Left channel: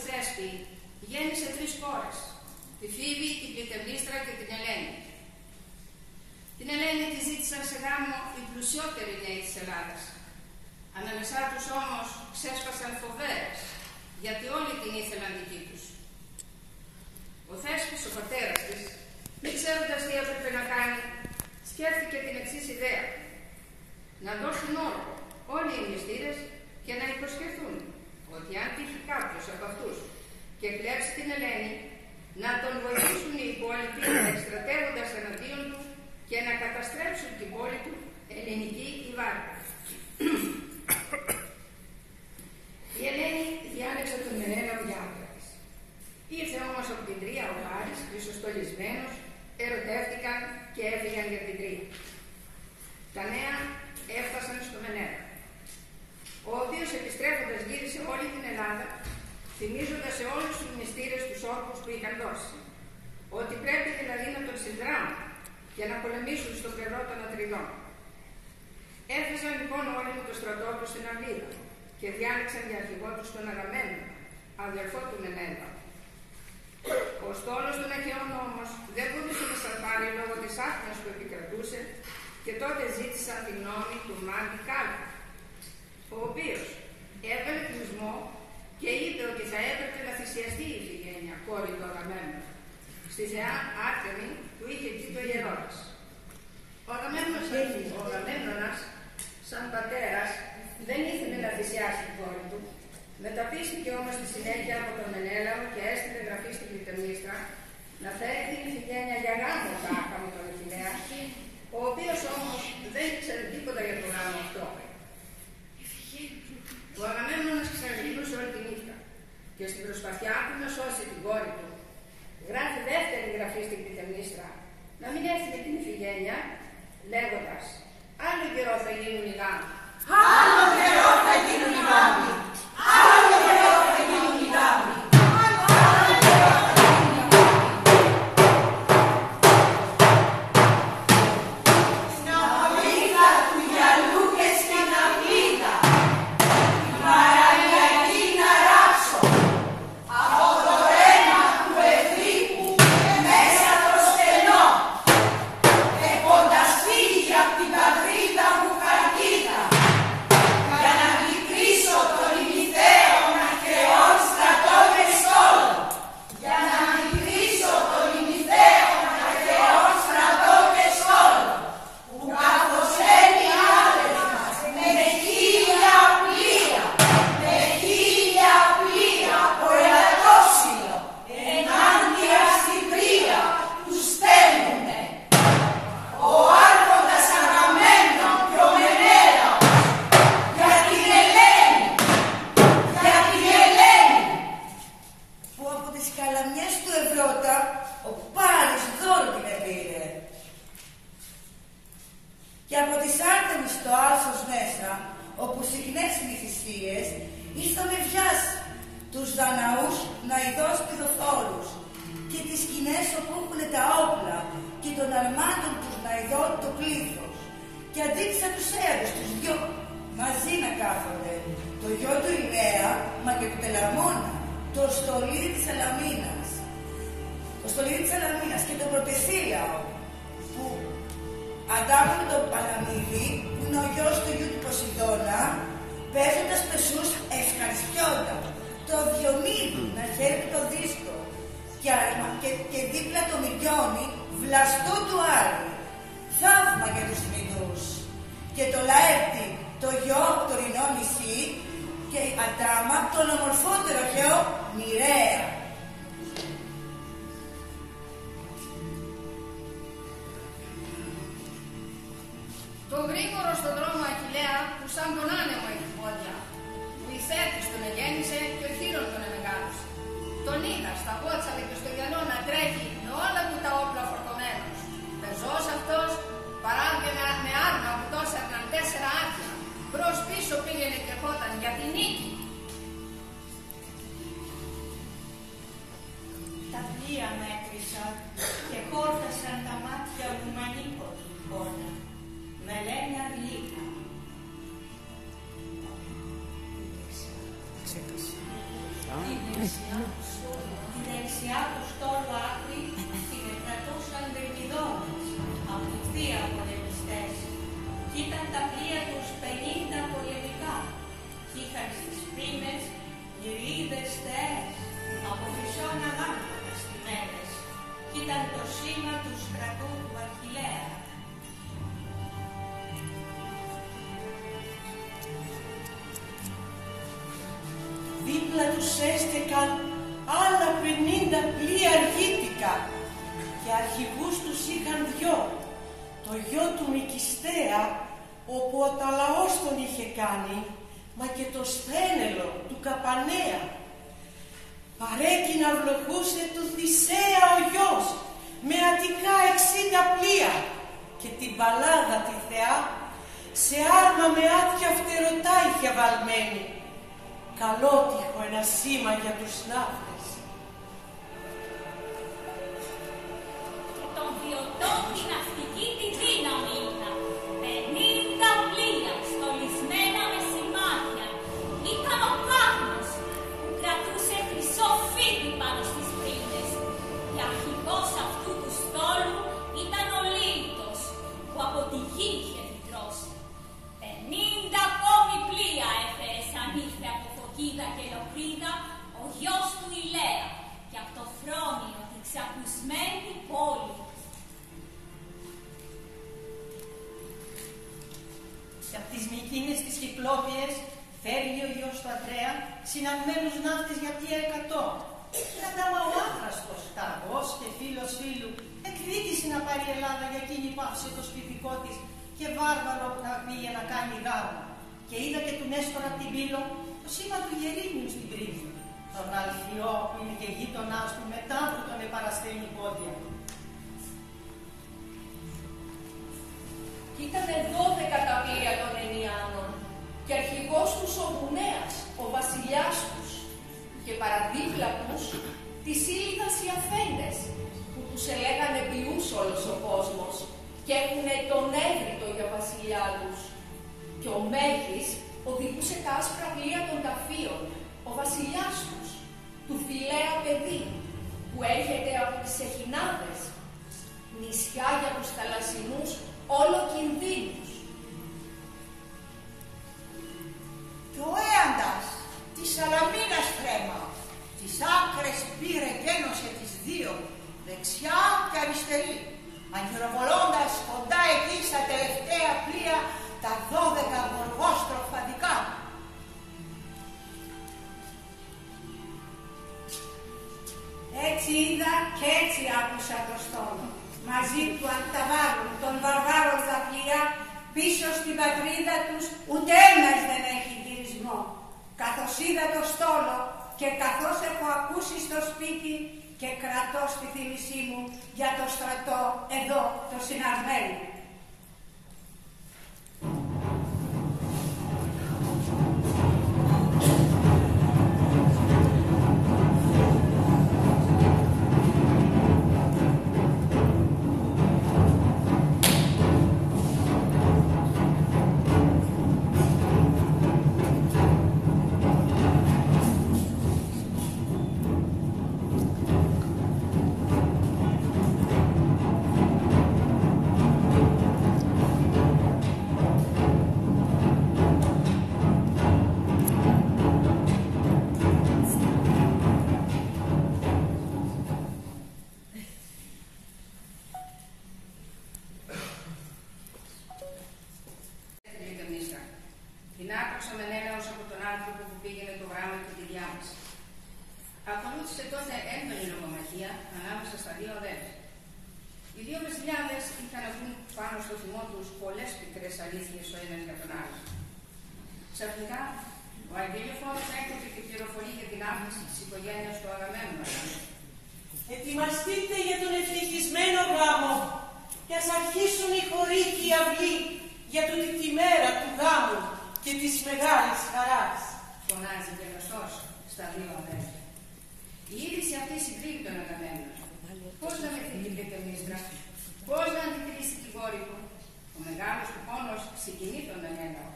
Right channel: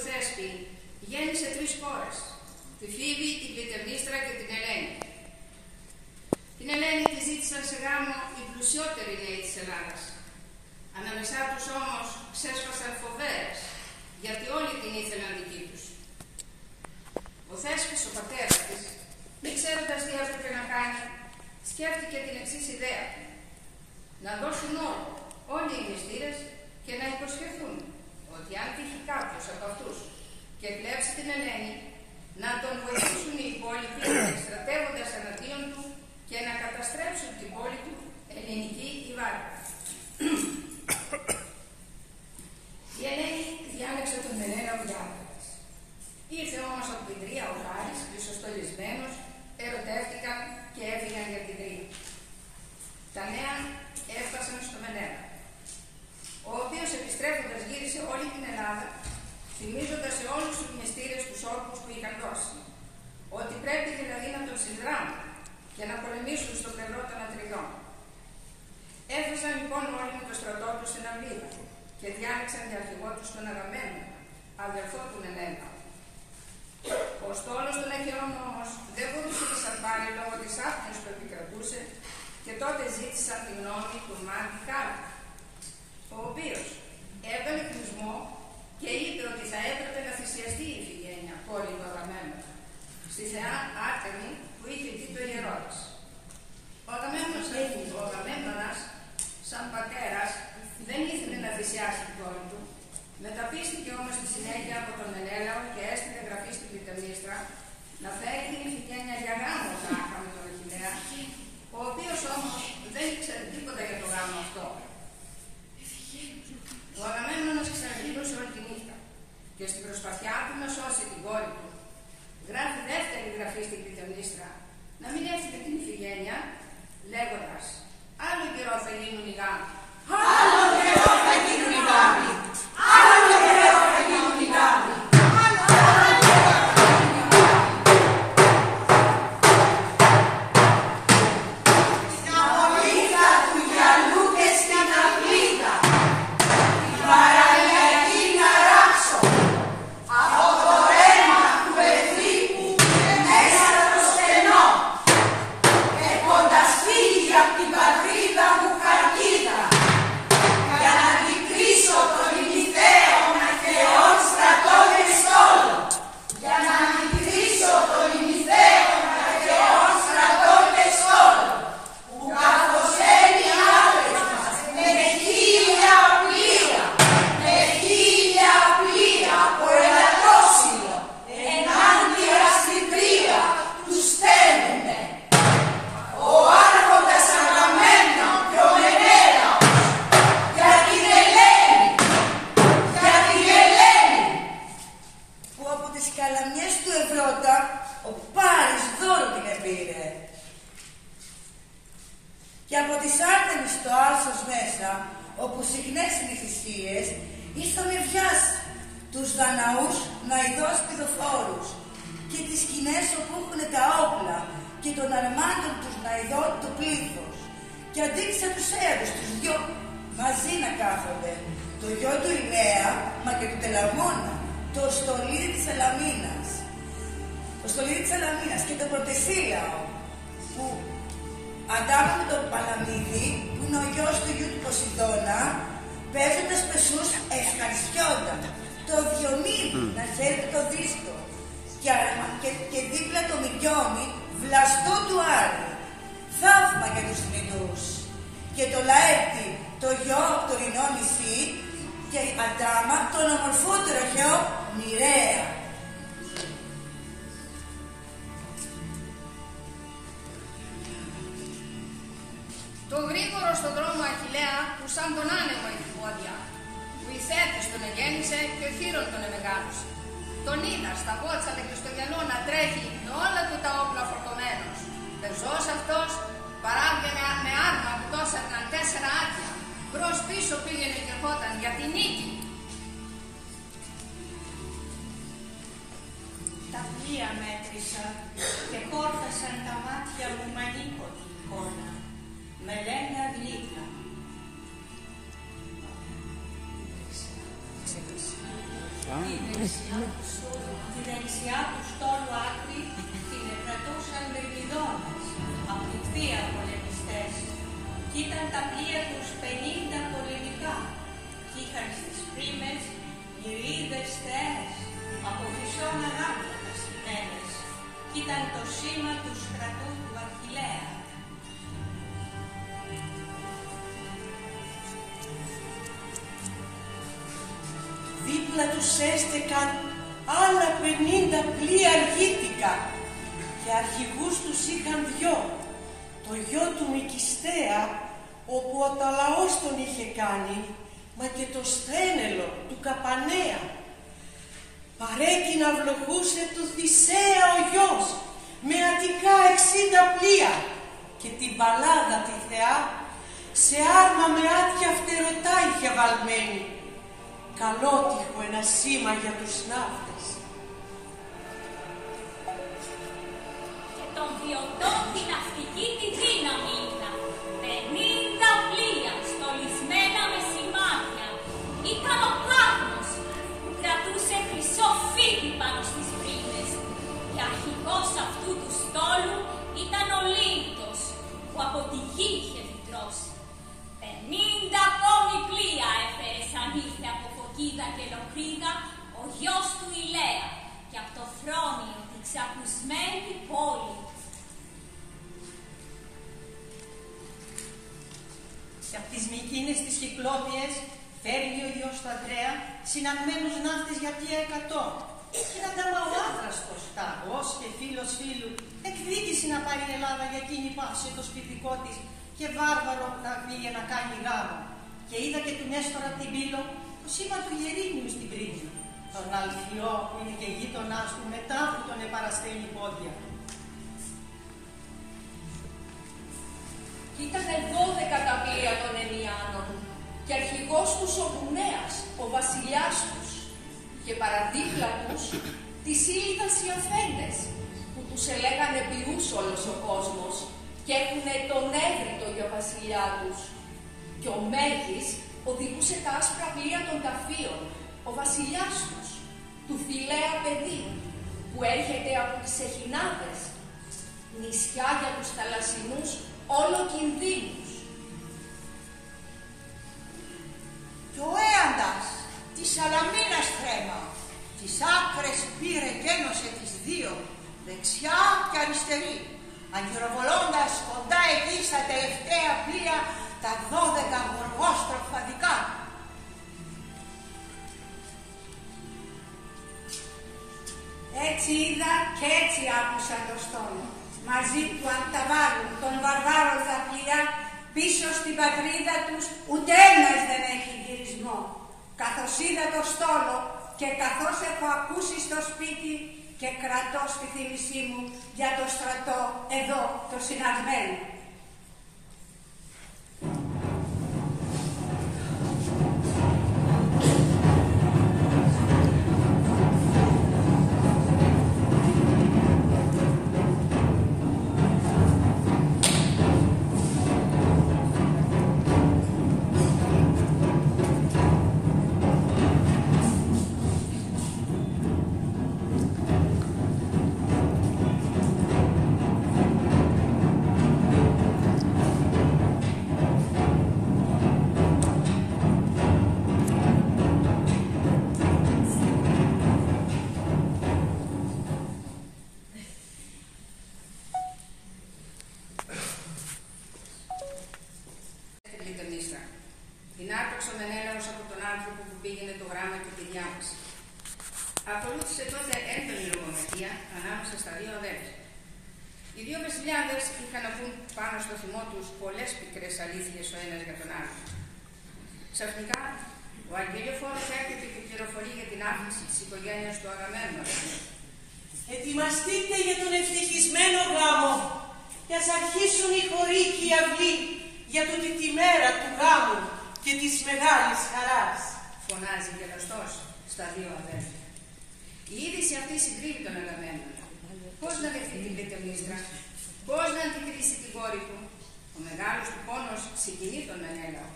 του Θέσπη γέννησε 3 κόρες, τη Φίβη, την Κλητεμνίστρα και την Ελένη. Την Ελένη τη ζήτησαν σε γάμο οι πλουσιότεροι νέοι της Ελλάδας. Ανάμεσά τους όμως ξέσπασαν φοβέρες, γιατί όλοι την ήθελαν δική τους. Ο Θέσπης, ο πατέρας της, μη ξέροντας τι έπρεπε να κάνει, σκέφτηκε την εξής ιδέα: να δώσουν όλοι οι μυστήρες και να υποσχεθούν ότι αν τύχει κάποιος από αυτούς και κλέψει την Ελένη, να τον βοηθήσουν οι υπόλοιποι εκστρατεύοντας εναντίον του και να καταστρέψουν την πόλη του ελληνική η Βάρκα. Η Ελένη διάλεξε τον Μενέλαο για άντρα της. Ήρθε όμως από την Τρία ο Λάρης, χρυσοστολισμένος, ερωτεύτηκαν και έφυγαν για την Τρία. Τα νέα έφτασαν στο Μενέλαο, ο οποίος επιστρέφοντας γύρισε όλη την Ελλάδα, θυμίζοντας σε όλους τους μυστήρες τους όρκους που είχαν δώσει, ότι πρέπει δηλαδή να τον συνδράμουν και να πολεμήσουν στο πλευρό των Ατριδών. Έφεσαν λοιπόν όλοι με το στρατό του στην Αυλίδα και διάλεξαν για αρχηγό τους τον Αγαμένο, αδελφό του Μενέλαου. Ο στόλος των Αχαιών όμως δεν μπορούσε να σαρπάρει λόγω της άφηνας που επικρατούσε και τότε ζήτησαν τη γνώμη του Μάντη Κάλου, ο οποίος έβγαλε κλεισμό και είπε ότι θα έπρεπε να θυσιαστεί η Ιφηγένεια, κόρη του Αγαμένου, στη θεά Άρτεμη που είχε πει το ιερό της. Ο Αγαμέμνονας, σαν πατέρας, δεν ήθελε να θυσιάσει την κόρη του. Μεταπίστηκε όμως στη συνέχεια από τον Μενέλαο και έστειλε γραφή στην Κλητεμνίστρα να φέρει την Ιφηγένεια για γάμο τάχα με τον Αχιλλέα, ο οποίος όμως δεν ήξερε τίποτα για το γάμο αυτό. Ο Αγαμέμνονας ξαναγυρνούσε όλη τη νύχτα και στην προσπαθειά του να σώσει την κόρη του, γράφει δεύτερη γραφή στην Κλητεμνίστρα να μην έρθει με την Ιφηγένεια, λέγοντας: άλλο καιρό θα γίνουν οι γάμοι. Άλλο καιρό θα γίνουν οι γάμοι. Άλλο καιρό θα γίνουν οι γάμοι. Το γρήγορο στον δρόμο Αχιλλέα που σαν τον άνεμο έχει πόδια, που η Θέτης τον εγέννησε και ο Χείρον τον εμεγάλωσε. Τον είδα στα βότσαλα και στο γυαλό να τρέχει με όλα του τα όπλα φορτωμένος. Πεζός αυτός παράβγαινα με άρμα που τόσερναν 4 άτια. Μπρος πίσω πήγαινε και ερχόταν για την νίκη. Τα πλοία μέτρησα και χόρτασαν τα μάτια μου με ανίποτη εικόνα. Με λένε γλύκα. Τη δεξιά του στόλου άκρη την εκρατούσαν δρυμιδώνες, αμυφθία πολεμιστές. Κι ήταν τα πλοία τους 50 πολεμικά. Κι είχαν στις πρίμες μυρίδες θεές, από χρυσόν αγάλματα καστημένες. Κι ήταν το σήμα του στρατού του Αχιλλέα. Δίπλα τους έστεκαν άλλα 50 πλοία αργίτικα και αρχηγούς τους είχαν δυο, το γιο του Μικιστέα, όπου ο Ταλαός τον είχε κάνει, μα και το Σθένελο του Καπανέα. Παρέκεινα βλοχούσε του Θησέα ο γιος, με Αττικά 60 πλοία και την Παλάδα τη θεά σε άρμα με άτια φτερωτά είχε βαλμένη. Καλότυχο ένα σήμα για τους ναύτες. Και των βιωτών την ναυτική τη δύναμη ήταν 50 πλοία στολισμένα με σημάδια. Ήταν ο Κάδμος που κρατούσε χρυσό φίδι πάνω στις πρίνες και αρχηγός αυτού του στόλου ήταν ο Λύητος που από τη γη είχε φυτρώσει. 50 ακόμη πλοία έφερε σαν ήρθε από Φωκίδα και Λοχρίδα ο γιος του Ηλέα και από το Φρόνιο την ξακουσμένη πόλη. Και από τις Μικίνες τις Κυκλώπιες φέρνει ο γιος του Ανδρέα συναγμένους ναύτες για πλοία 100. Και αντάμα ο άδραστος, ταγός και φίλος φίλου, εκδίκηση να πάρει η Ελλάδα για εκείνη που άφησε το σπιτικό της και βάρβαρο να πήγε να κάνει γάμο. Και είδα και του Νέστορα από την Πύλο το σήμα του Γερίνιου στην πρίμη. Τον Αλφιό που είναι και γείτονάς του μετά που τον επαραστέλνει πόδια. Κι ήτανε 12 τα πλοία των Ενιάνων και αρχηγός τους ο Γουνέας, ο βασιλιάς τους, και παραδίπλα τους τις Ήλιδας οι αφέντες, που τους ελέγανε ποιούς όλος ο κόσμος και έχουνε τον Έβριτο για βασιλιά τους. Και ο Μέγης οδηγούσε τα άσπρα πλοία των Ταφίων, ο βασιλιάς τους, του Φιλέα παιδί, που έρχεται από τις Εχινάδες, νησιά για τους θαλασσινούς όλο κινδύνους. Και ο Έαντας της Σαλαμίνας θρέμα, τις άκρες πήρε και ένωσε τις δύο, δεξιά και αριστερή, αγκυροβολώντας κοντά εκεί στα τελευταία πλοία τα 12 γοργόστροφα δικά. Έτσι είδα και έτσι άκουσα το στόλο. Μαζί του αν τα βάλουν των βαρβάρων τα πλοία πίσω στην πατρίδα τους ούτε ένας δεν έχει γυρισμό. Καθώς είδα το στόλο και καθώς έχω ακούσει στο σπίτι και κρατώ στη θύμησή μου για το στρατό εδώ το συναγμένο. Συνάρτηξε ο Μενέλαος από τον άνθρωπο που πήγαινε το γράμμα και τη διάβαση. Ακολούθησε τότε έντονη λογομαχία ανάμεσα στα δύο αδέλφια. Οι δύο βασιλιάδες είχαν να πούν πάνω στο θυμό τους πολλές πικρές αλήθειες ο ένας για τον άλλο. Ξαφνικά, ο Αγγέλιοφόρος έρχεται και πληροφορεί για την άφηση της οικογένειας του Αγαμέμνονα. Ετοιμαστείτε για τον ευτυχισμένο γάμο και ας αρχίσουν οι χωροί και οι αυλοί για τούτη τη μέρα του γάμου και της μεγάλης χαράς. Φωνάζει γελαστός στα δύο αδέρφια. Η είδηση αυτή συγκρύβει τον Αγαμέμνονα. Πώς να δεχτεί την Κλητεμίστρα, πώς να αντικρίσει την κόρη του. Ο μεγάλος του πόνος συγκινεί τον Μενέλαο.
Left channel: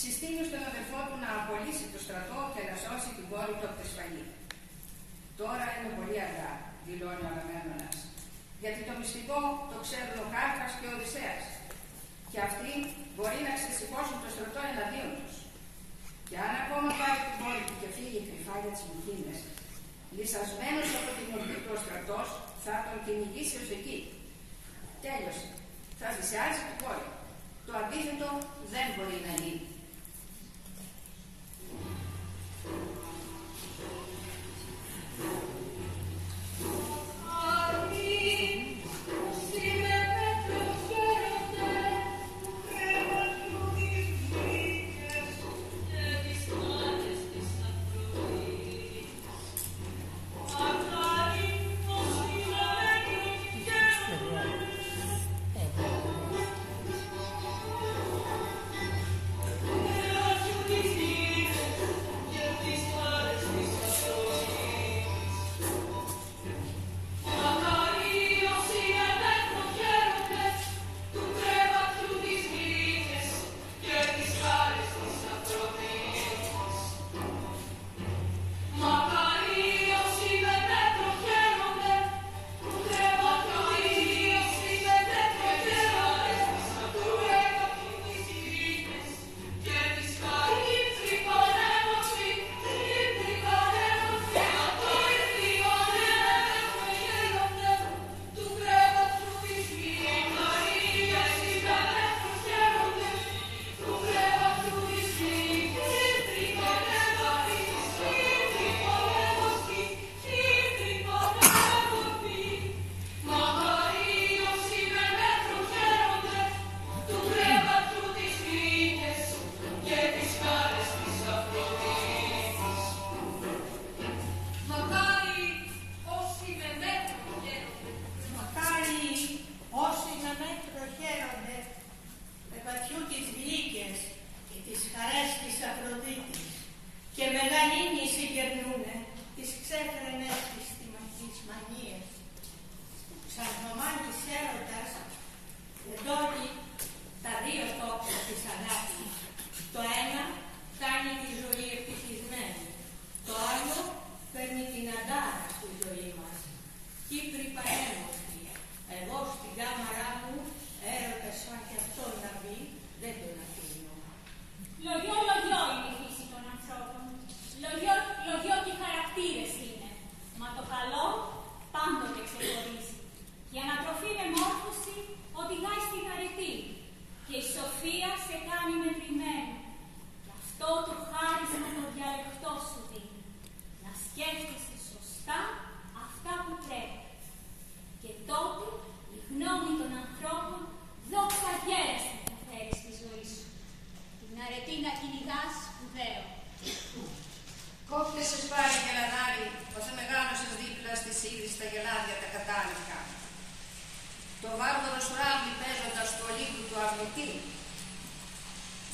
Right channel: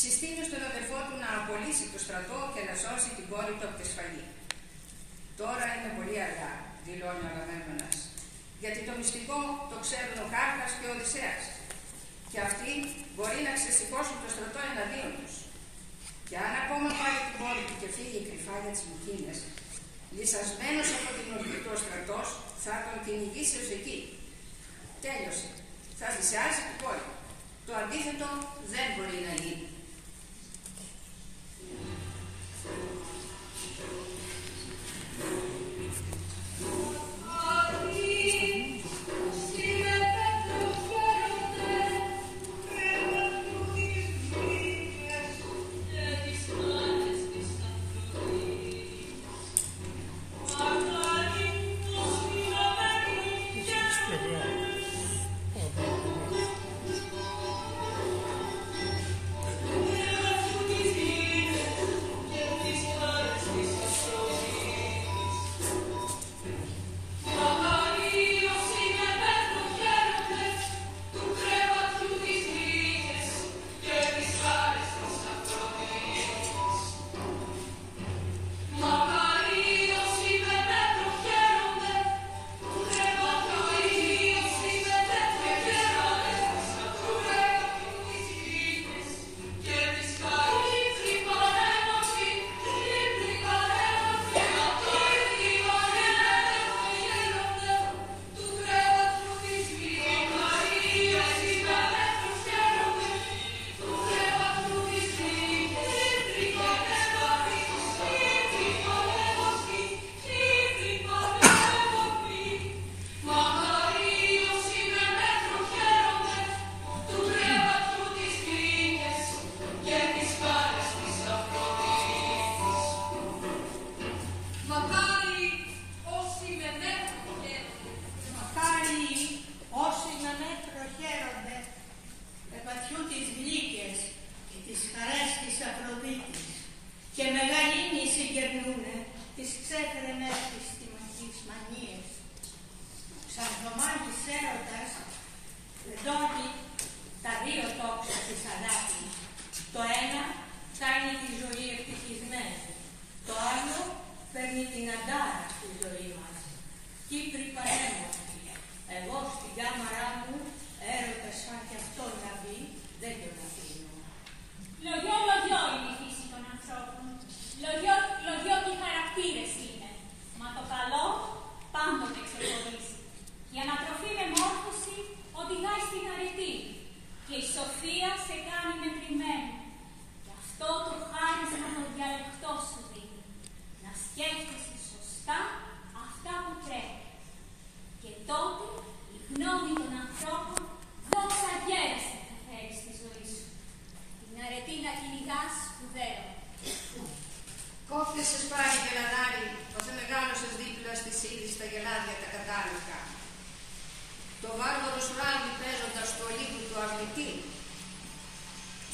Συστήνει στον αδερφό του να απολύσει το στρατό και να σώσει την κόρη του από τη σφαγή. Τώρα είναι πολύ αργά, δηλώνει ο Αγαμέμνονας, γιατί το μυστικό το ξέρουν ο Κάρκας και ο Οδυσσέας και αυτοί μπορεί να ξεσηκώσουν το στρατό εναντίον τους. Και αν ακόμα πάρει την πόλη του και φύγει κρυφά για τις Μυκήνες, λυσασμένος από την ορμή του ο στρατός θα τον κυνηγήσει ως εκεί. Τέλειωσε. Θα θυσιάζει την πόλη. Το αντίθετο δεν μπορεί να γίνει.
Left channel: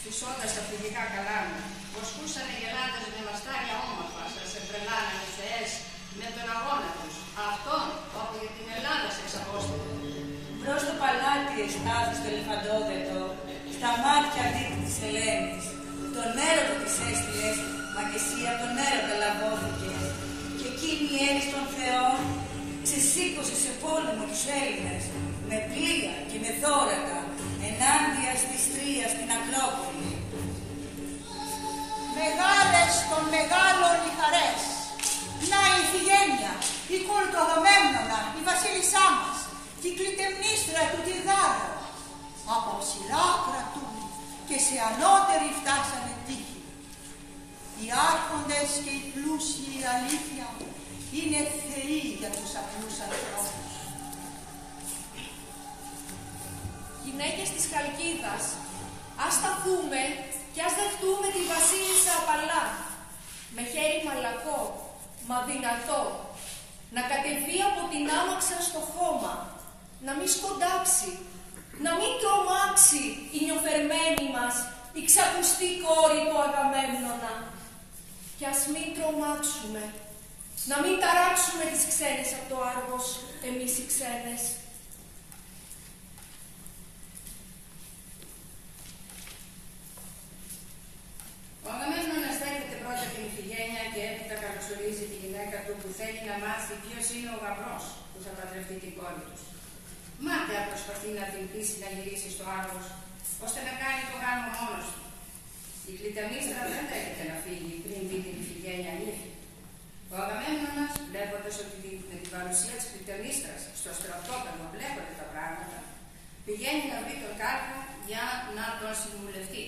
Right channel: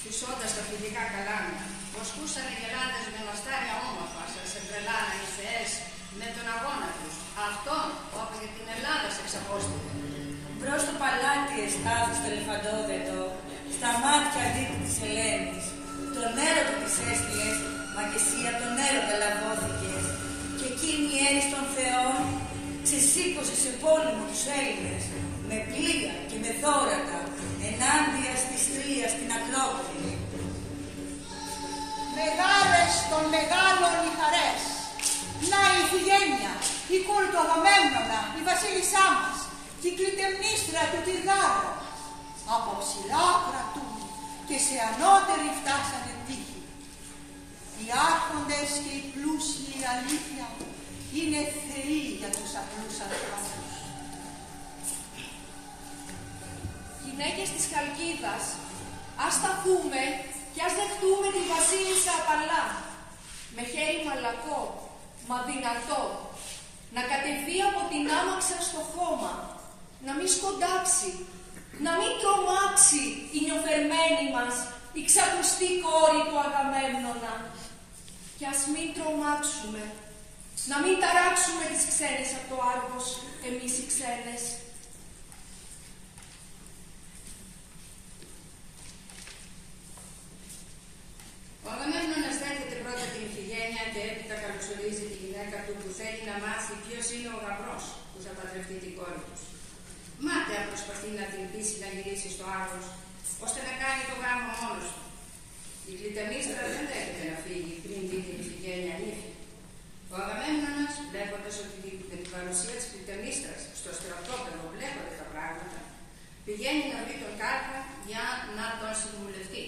Φυσώντας τα φιλικά καλάμια, βοσκούσαν οι γελάδες με μαστάρια όμορφα, σας εμπρελάναν οι θεές με τον αγώνα τους. Αυτόν, όπου για την Ελλάδα σε εξαπόσταται. Μπρος το παλάτι εστάθη στο Ελεφαντόδετο, στα μάτια δίπλη της Ελένης. Τον έρωτα της έστειλες, μα και εσύ από τον έρωτα λαβώθηκες. Και εκείνη η έννοια των θεών ξεσήκωσε σε πόλεμο τους Έλληνες, με πλοία και με δώρακα, ενάντια στη Στρία στην Ακρόπολη. Μεγάλες των μεγάλων οι χαρές. Να η Ιφηγένεια, η κόρη του Αγαμέμνονα, η βασίλισσά μας, η κλητεμνίστρα του Τυγάρο. Από ψηλά κρατούν και σε ανώτερη φτάσανε τύχη. Οι άρχοντες και οι πλούσιοι αλήθεια είναι θεοί για τους απλούς ανθρώπους. Γυναίκες της Χαλκίδας, ας σταθούμε και ας δεχτούμε τη βασίλισσα απαλά, με χέρι μαλακό, μα δυνατό, να κατεβεί από την άμαξα στο χώμα, να μην σκοντάξει, να μην τρομάξει η νιοφερμένη μας, η ξακουστή κόρη του Αγαμέμνονα. Και ας μην τρομάξουμε, να μην ταράξουμε τις ξένες από το Άργος, εμείς οι ξένες. Ο Αγαμέμνονας δέχεται πρώτα την Ιφηγένεια και έπειτα καλωσορίζει στολίζει τη γυναίκα του που θέλει να μάθει ποιος είναι ο γαμπρός που θα παντρευτεί την κόρη τους. Μάταια προσπαθεί να την πείσει να γυρίσει στο Άρgos, ώστε να κάνει το γάμο μόνος του. Η Κλητεμίστρα δεν δέχεται να φύγει πριν δει την Ιφηγένεια νύφη. Ο Αγαμέμνονας, βλέποντας ότι με την παρουσία της Κλητεμίστρας στο στρατόπεδο βλέπονται τα πράγματα, πηγαίνει να βρει τον Κάρπα για να τον συμβουλευτεί.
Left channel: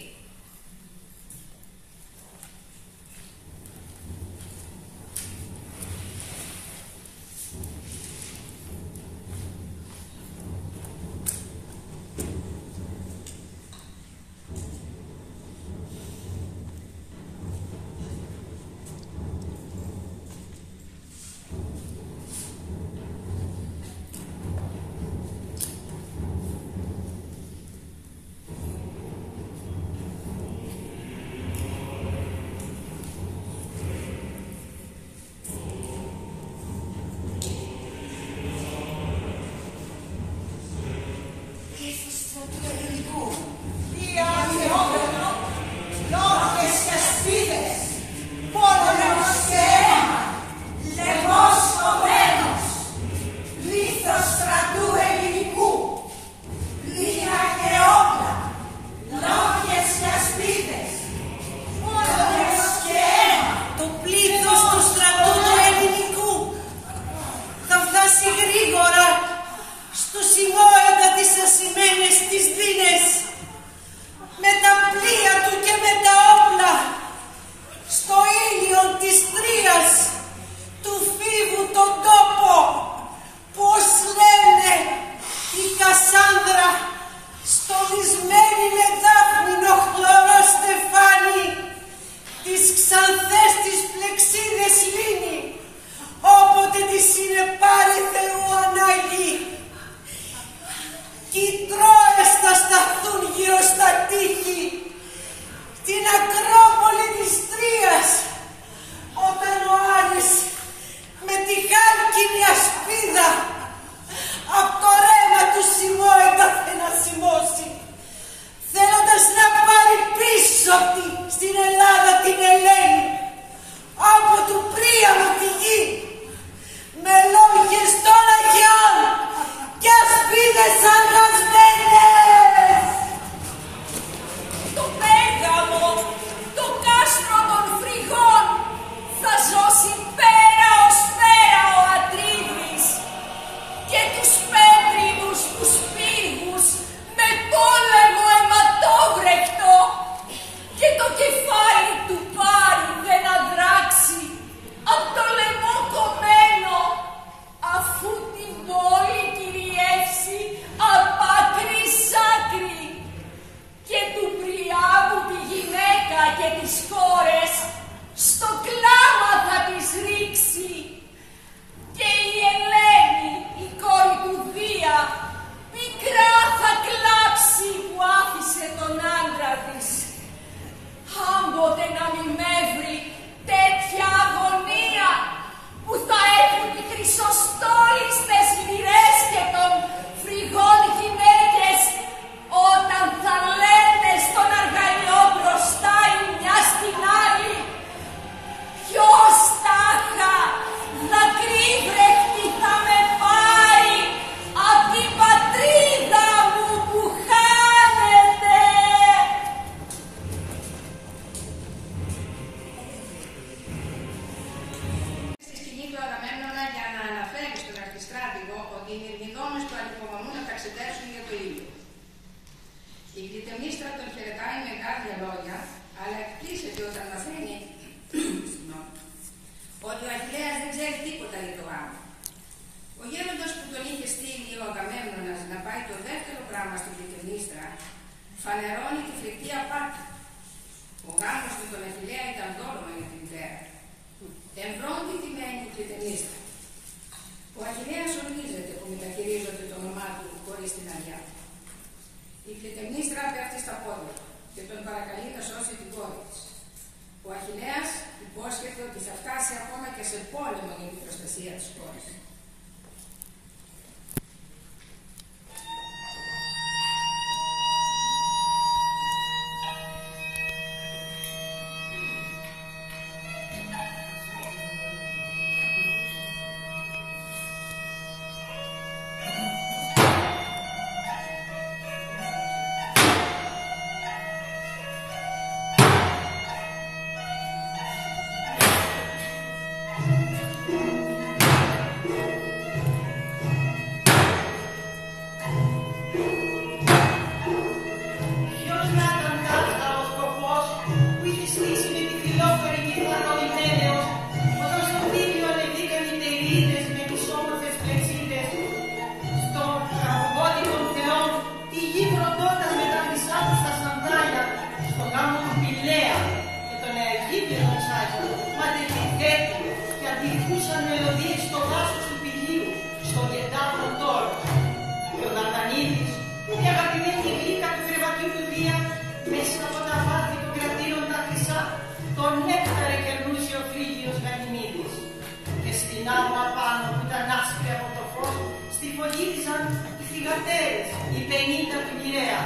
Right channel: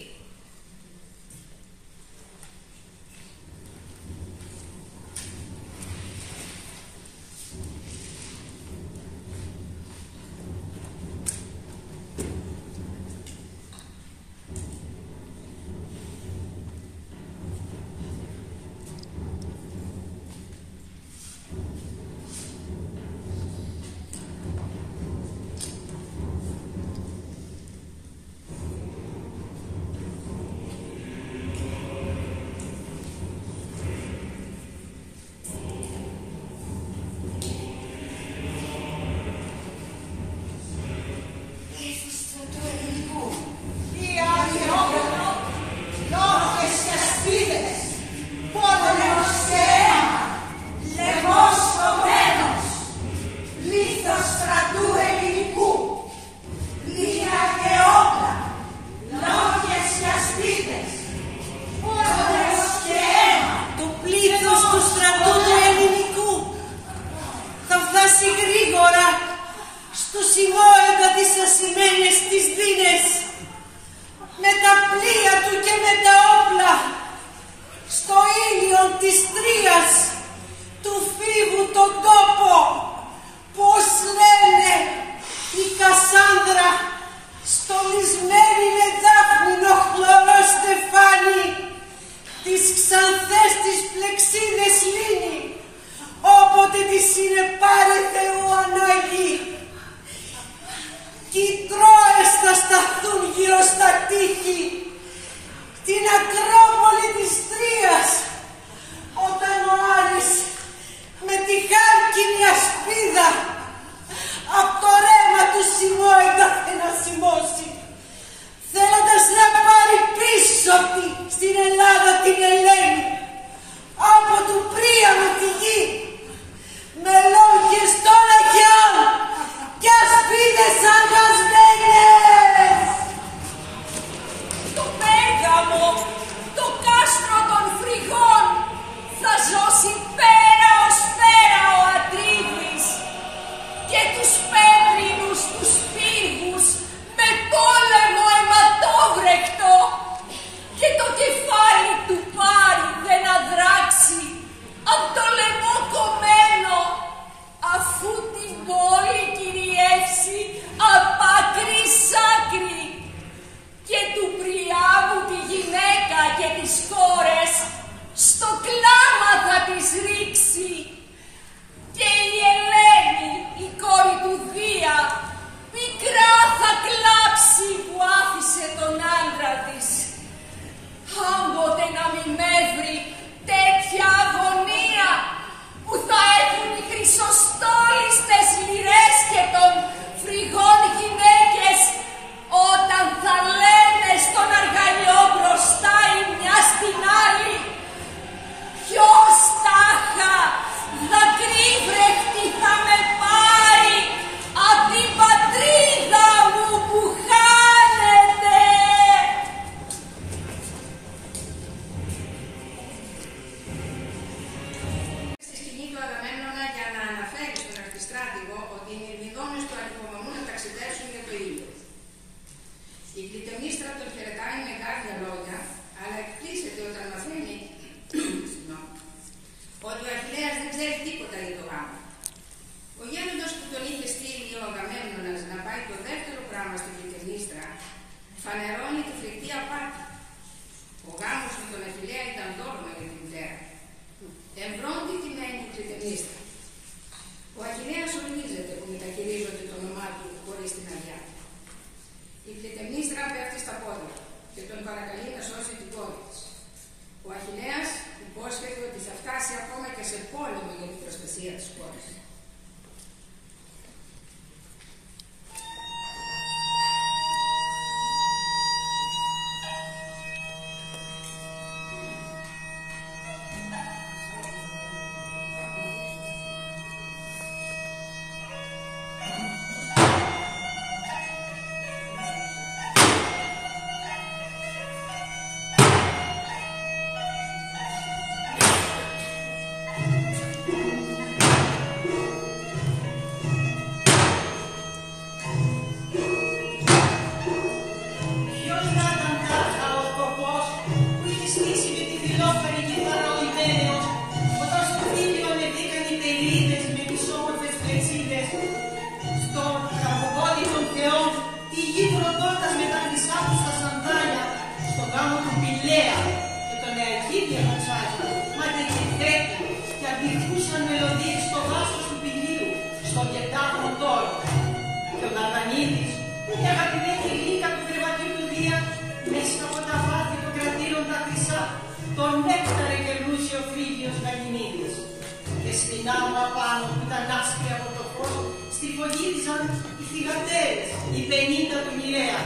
άμμα πάνω που ήταν άσπρη από το φως, στριφογύριζαν οι θυγατέρες, οι 50 του Μοιραία,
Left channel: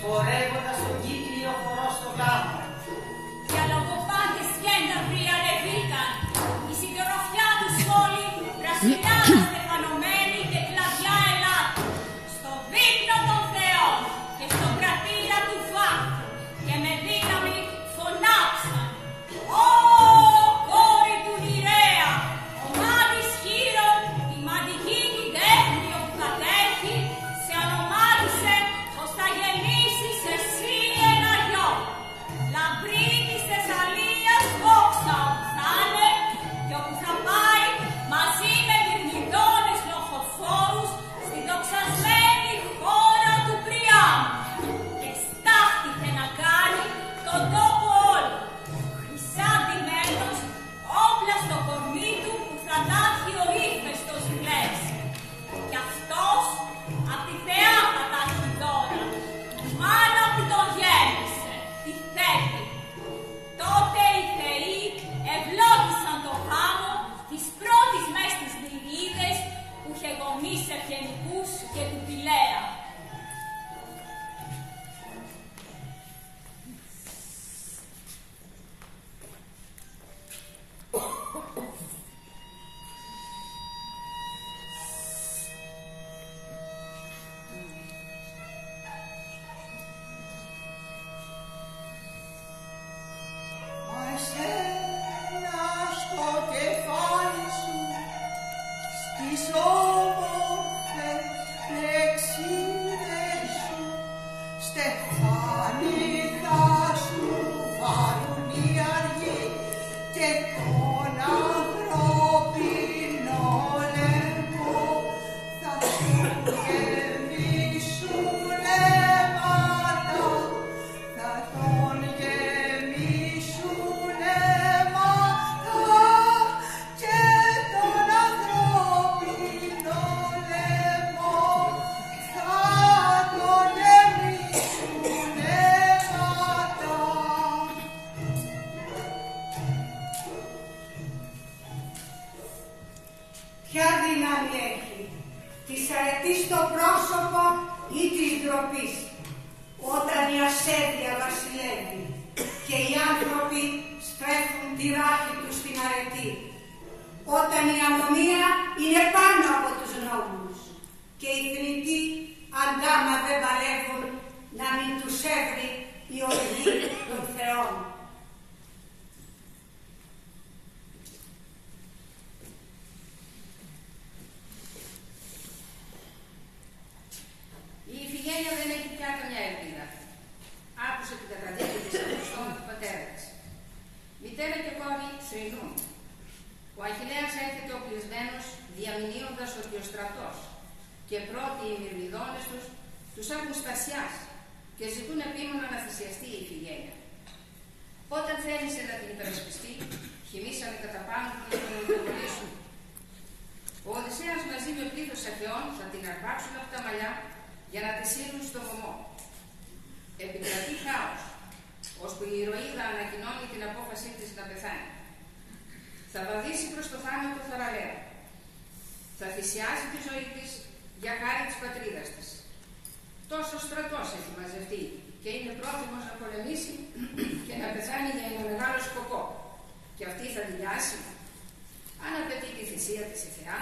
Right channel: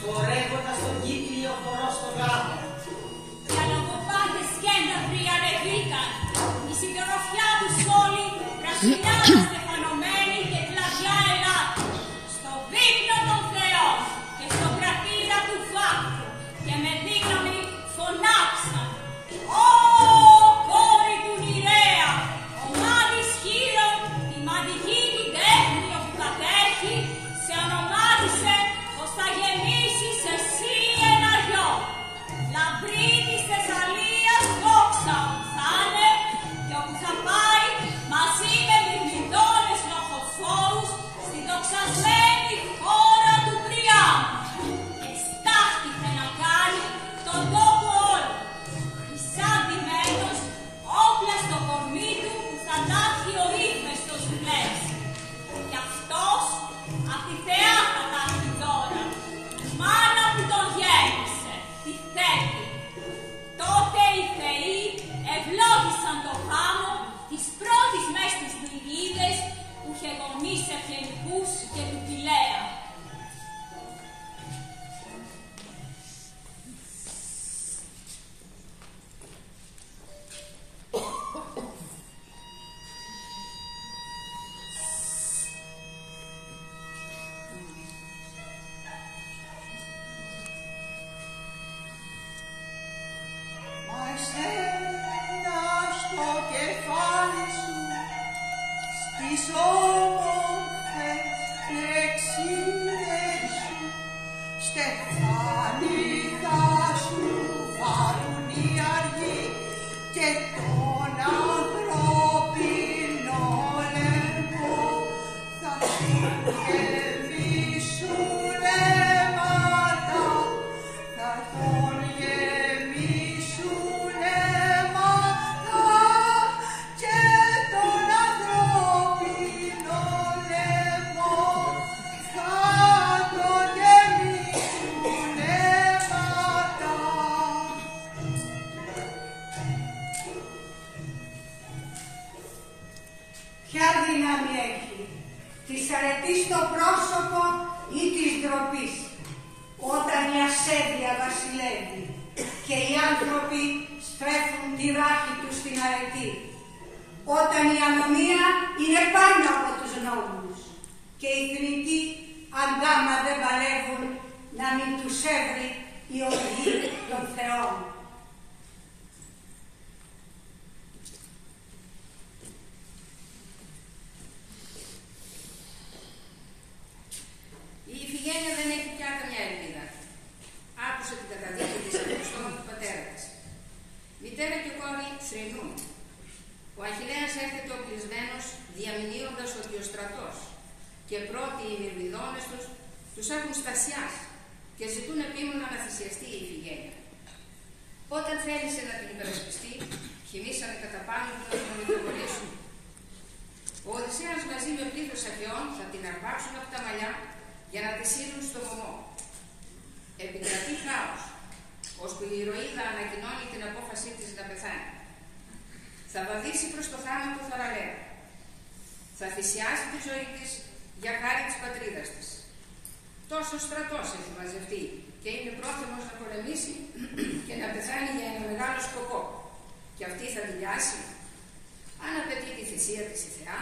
φορεύοντας τον κύκλιο χορό στο γάμο. Οι αλογοπάτες γένταυροι ανεβήκαν, η συντροφιά τους όλοι πρασινάδα στεφανωμένη και κλαδιά ελάτη, στο δείπνο των Θεών και στο κρατήρα του βάκτου, και με δύναμη φωνάξαν: «Ω κόρη του Νηρέα, ομάδης χείρων, τη μαντική του τέχνη όπου κατέχει, σε ονομάτισε πως θα γεννήσεις εσύ ένα γιο. Λαμπρή της Θεσσαλίας δόξα όπου θα είναι και όπου θα πάει μαζί με μυρμηδόνες λοχοφόρους στην δοξασμένη χώρα του Πριάμου». Και στάχτηκε να κάνει τον τόπο όλο, χρυσά ντυμένος, όπλα στο κορμί του που θα τάχει ο ύφεστος λες. Κι αυτός απ' τη θεά θα τάχει δώρα, η μάνα που τον γέννησε, τη Θέτη. Τότε οι θεοί ευλόγησαν το γάμο της πρώτης μες στις Νηγίδες που είχε γονείς ευγενικούς και του Πηλαία. Μα εσένα στο κεφάλι σου, στις όμορφες λεξίδες σου, στεφάνι θα σου βάλουν οι αργοί και τον ανθρώπινο λαιμό θα σου γεμίσουν αίματα, θα τον γεμίσουν αίματα και τον ανθρώπινο λαιμό θα τον γεμίσουν αίματα. Ποια δύναμη έχει, της αρετής στο πρόσωπο ή της ντροπής, όταν η ασέβεια βασιλεύει και οι άνθρωποι στρέφουν τη ράχη τους στην αρετή, όταν η ανομία είναι πάνω από τους νόμους και οι θνητοί αντάμα δεν παλεύουν να μην τους έβρει η οργή των θεών. Η Ιφηγένεια δεν έχει πια καμιά ελπίδα. Άκουσε την καταδίκη της από το στόμα του πατέρα της. Μητέρα και κόρη θρηνούν. Ο Αχιλλέας έρχεται οπλισμένος, διαμηνύοντας ότι ο στρατός και πρώτοι οι μυρμηδόνες τους έχουν στασιάσει και ζητούν επίμονα να θυσιαστεί η Ιφηγένεια. Όταν θέλησε να την υπερασπιστεί, χυμίσανε κατά πάνω του να τον υποβολήσουν. Ο Οδυσσέας μαζί με πλήθος Αχαιών θα την αρπάξουν από τα μαλλιά για να τη σύρουν στο βωμό. Επικρατεί χάος, ώσπου η ηρωίδα ανακοινώνει την απόφασή της να πεθάνει. Θα βαδίσει προς το θάνατο θαραλέα. Θα θυσιάσει τη ζωή της για χάρη της πατρίδας της. Τόσο στρατός έχει μαζευτεί και είναι πρόθυμος να πολεμήσει και να πεθάνει για ένα μεγάλο σκοπό. Και αυτή θα δηλιάσει. Αν απαιτεί τη θυσία της η Θεά,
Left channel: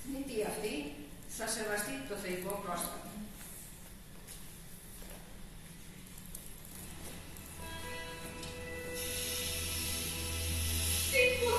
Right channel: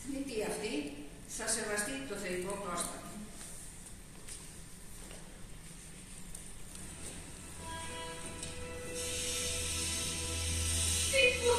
θνητή αυτή θα σεβαστεί το θεϊκό πρόστατο. Frigo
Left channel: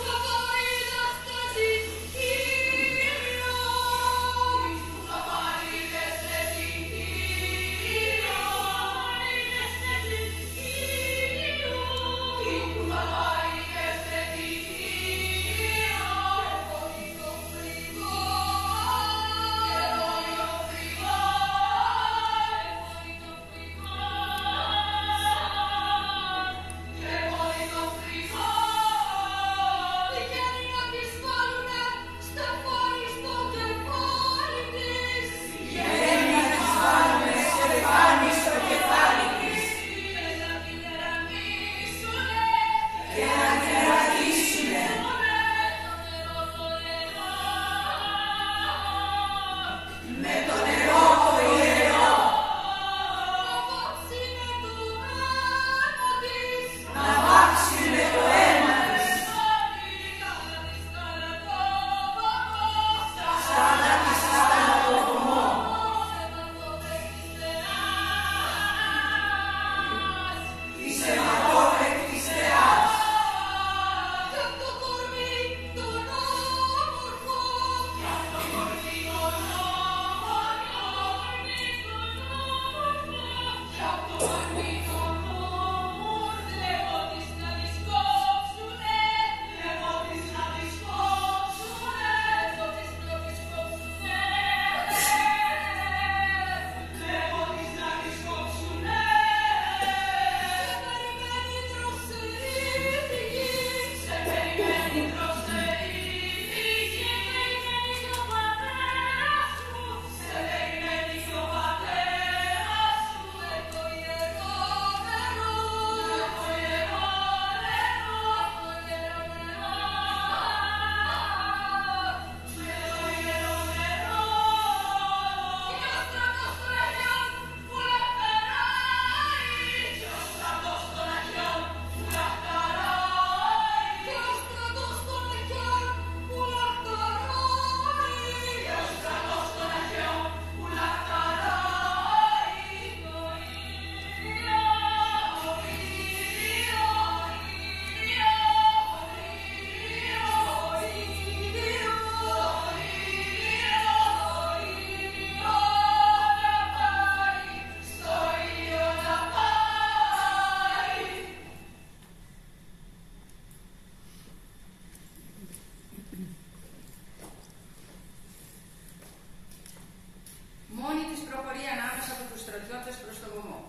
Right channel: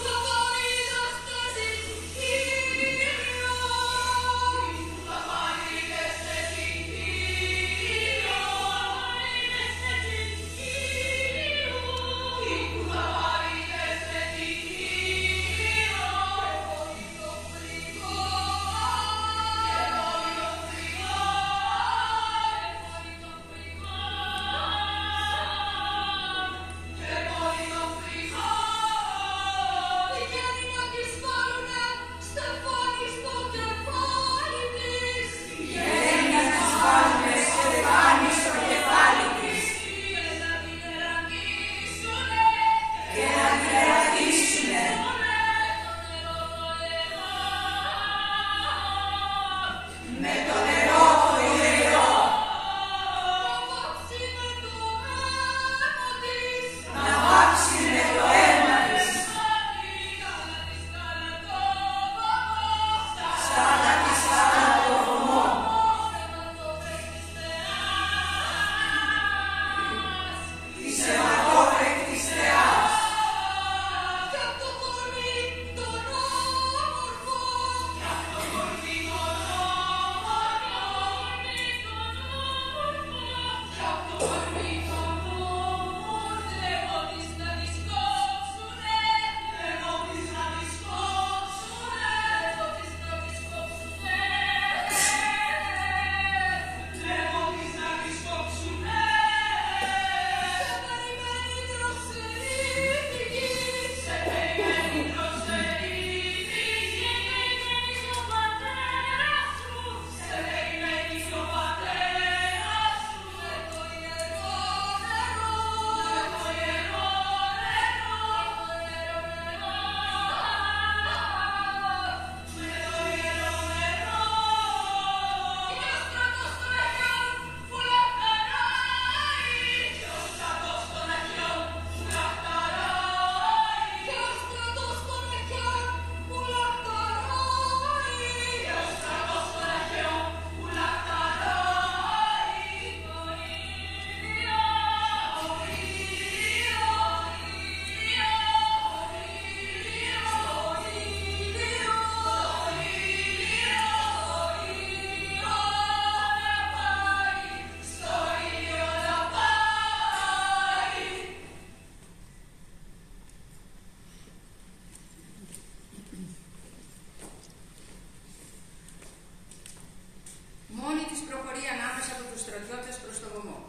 στρατιώτες προς το βωμό.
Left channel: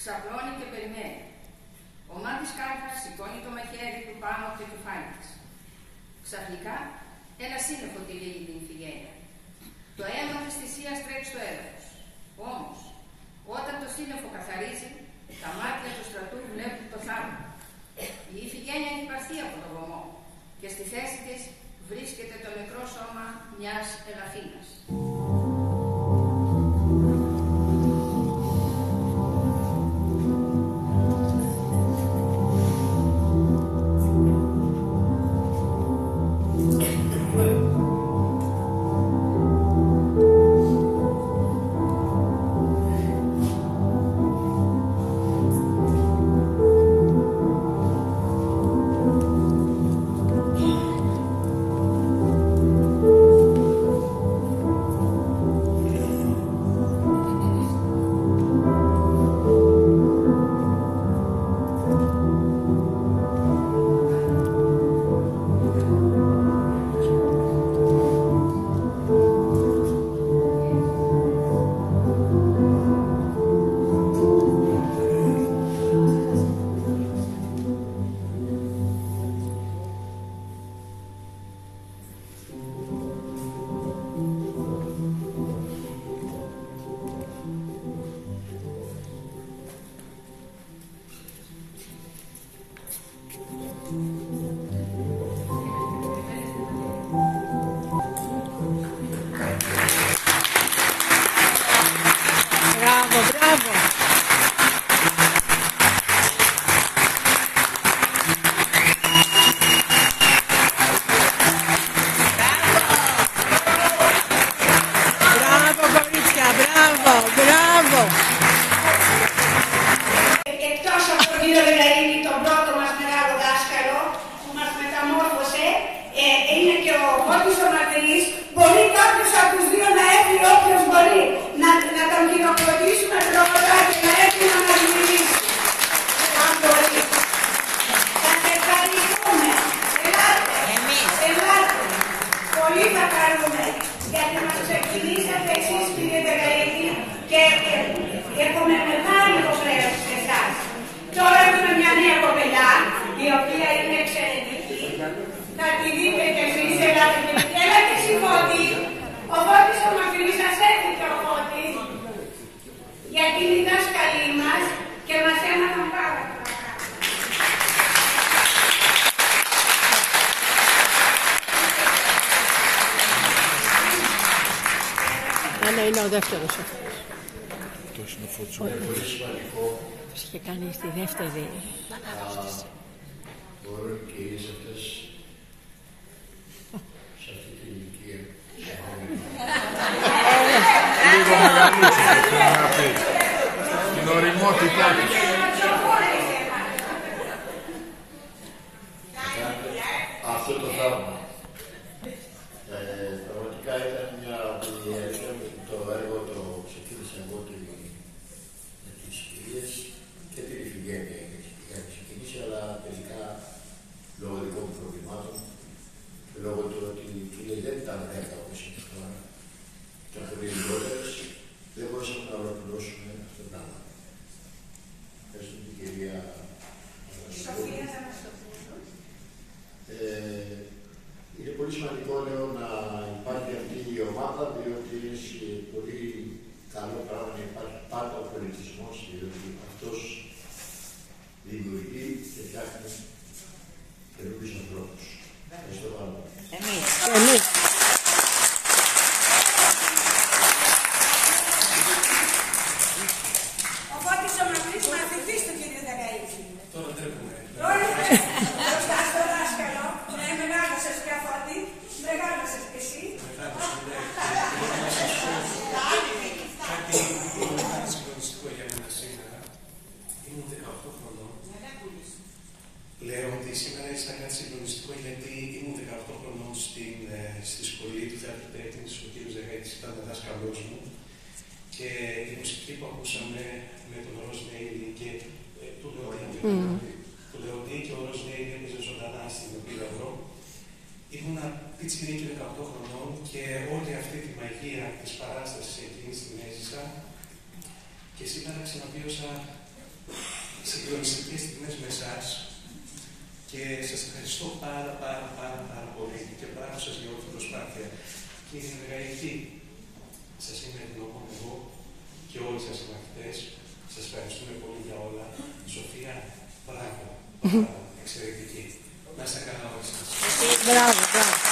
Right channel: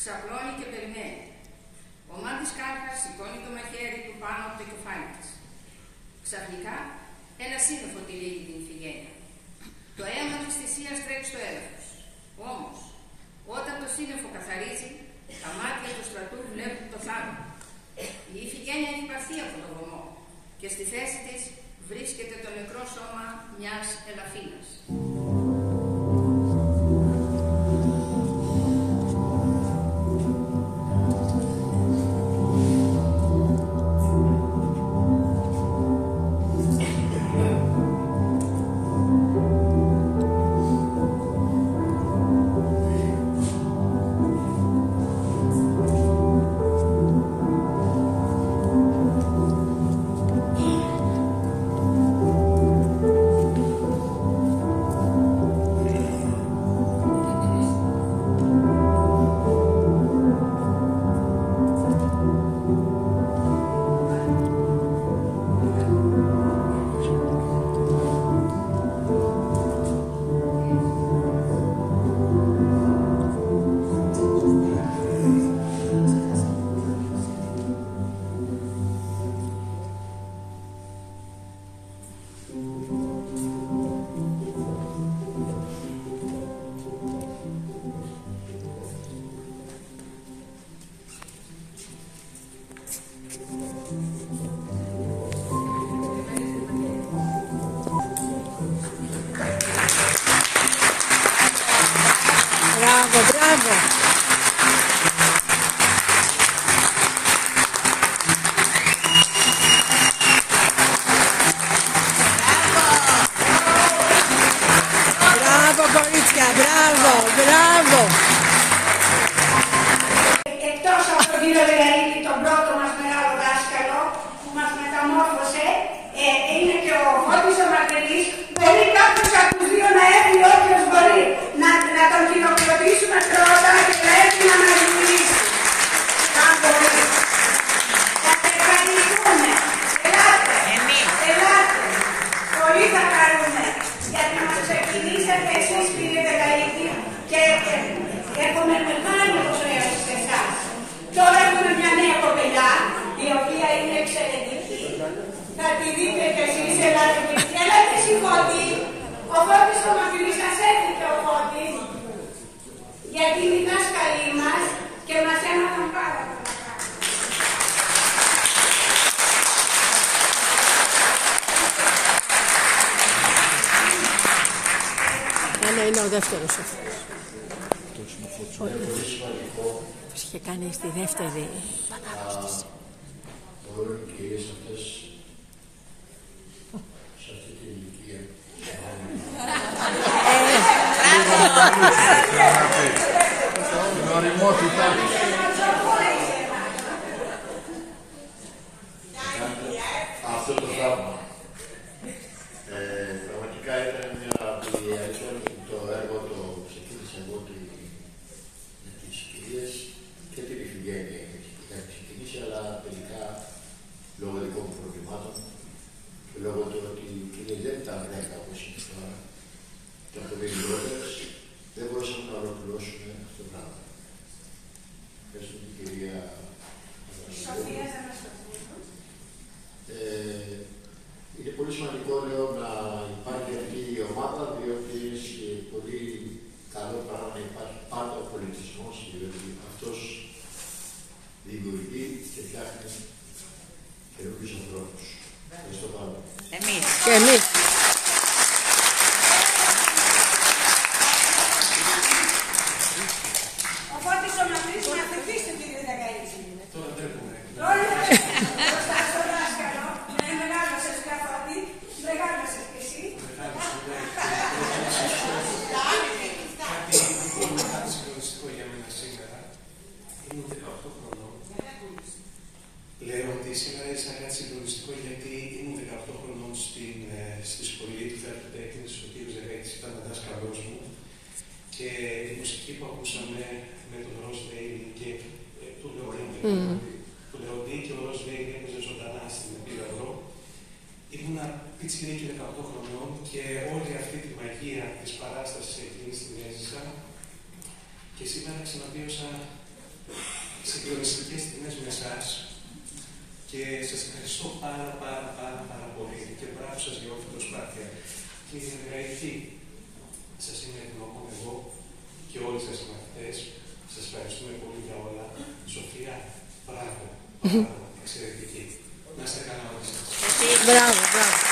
Ξαπλώνει και περιμένει. Ο μάτης Κάρπας σηκώνει το μαχαίρι του πάνω από το κεφάλι της. Ξαφνικά, ένα σύννεφο τυλίγει την Ιφηγένεια. Το αίμα της θυσίας τρέχει στο έδαφος. Όμως, όταν το σύννεφο καθαρίζει, τα μάτια του στρατού βλέπουν το θάνατο. Η Ιφηγένεια έχει παθεί από το βωμό και στη θέση της βρίσκεται το νεκρό σώμα μιας ελαφίνας. Μπράβο, μπράβο. Μπράβο, κορίτσια, μπράβο, μπράβο. Εκτός από τον κύριο Δελαρίνη, τον πρώτο μας μεγάλο δάσκαλο που μας μεταμόρφωσε, είναι και ο Φώτης ο Μαρτυρής. Μπορεί κάποιος από τους δύο να έρθει, όποιος μπορεί, να τον χειροκροτήσουμε πρώτα και να έρθει να μας μιλήσει. Αν μπορεί. Θα σε ευχαριστούμε. Ελάτε. Ελάτε. Πολύ θα χαρούμε. Γιατί μας ξεκινήσατε εσείς, κύριε Δελαρίνη, και έχουμε μεγάλη υποχρέωση σε εσάς. Τώρα έχουμε μια νέα κοπελιά, η οποία είναι εξαιρετική. Θα τη δείτε κι εσείς, ελάτε κι εσείς. Ελάτε εσύ, Φώτη. Ο Φώτης ο Μαρτυρής σας έφυγε ο Φώτης. Γιατί είναι οι δάσκαλοι μας και μας έμαθαν πάρα πολλά. Άννα είναι ο δεύτερος αυτός. Πώς είχε κάνει στη δεύτερη παναρρώστηση. Μπορούν οι κυρίες αυτές σε αυτή την ηλικία. Την ωριμότητά της. Αυτό το θαύμα. Πραγματικά ήταν μια αλήθεια το έργο το ξεκίνησα εγώ με τις κυρίες και την Ιφηγένεια είχα ξεκινήσει, αλλά τελικά λόγω δικών μου προβλημάτων και λόγω του ότι οι κυρίες δεν ήταν 10 όπως είναι τώρα και από πολύ λιγότερες, δεν μπορούσαμε να ολοκληρώσουμε αυτό το πράγμα. Ευχαριστώ την κυρία Σοφία θα μας το πούμε. Είναι πολύ σημαντικό, λέω, να υπάρχει αυτή η ομάδα, διότι είναι πολύ καλό πράγμα να υπάρχει πάντα ο πολιτισμός, διότι αυτός δημιουργεί και φτιάχνει καινούριους ανθρώπους. Ευχαριστώ πάρα. Εμείς. Και εμείς. Ο Φώτης ο Μαρτυρής μαθητής του κύριου Δεκαΐτη. Τώρα τρέχουμε. Μπροστά στο δάσκαλο, να μεγάλωσες πια Φώτη, μεγάλωσες και εσύ. Κάτι πολύ συγκλονιστικό για μένα σήμερα. Ήμουν 18 χρονών. Λέω ότι σήμερα είναι κάτι συγκλονιστικό γιατί ήμουν 18 χρονών στη σχολή του Θεάτρου Τέχνης. Ο κύριος Δεκαΐτης ήταν δάσκαλός μου. Και η μουσική που ακούσαμε με τον Ροζ Λέιλι και του Λεοντή και ο Ροζ Λέιλι έπαιζε ζωντανά στην Επίδαυρο. Ήμουνα πιτσιρίκι 18 χρονών και όλη αυτή τη μαγεία της παράστασης εκείνης την έζησα Και σήμερα ξαναβίωσα συγκλονιστικές στιγμές με εσάς και σας ευχαριστώ πάρα πολύ και μπράβο σας για όλη την προσπάθεια. Κύριε Μεργαρίτη, σας είμαι ευγνώμων εγώ και όλοι σας οι μαθητές. Σας ευχαριστούμε πολύ για όλα. Σοφία, μπράβο, εξαιρετική. Να είστε καλά όλοι σας. Μπράβο, μπράβο.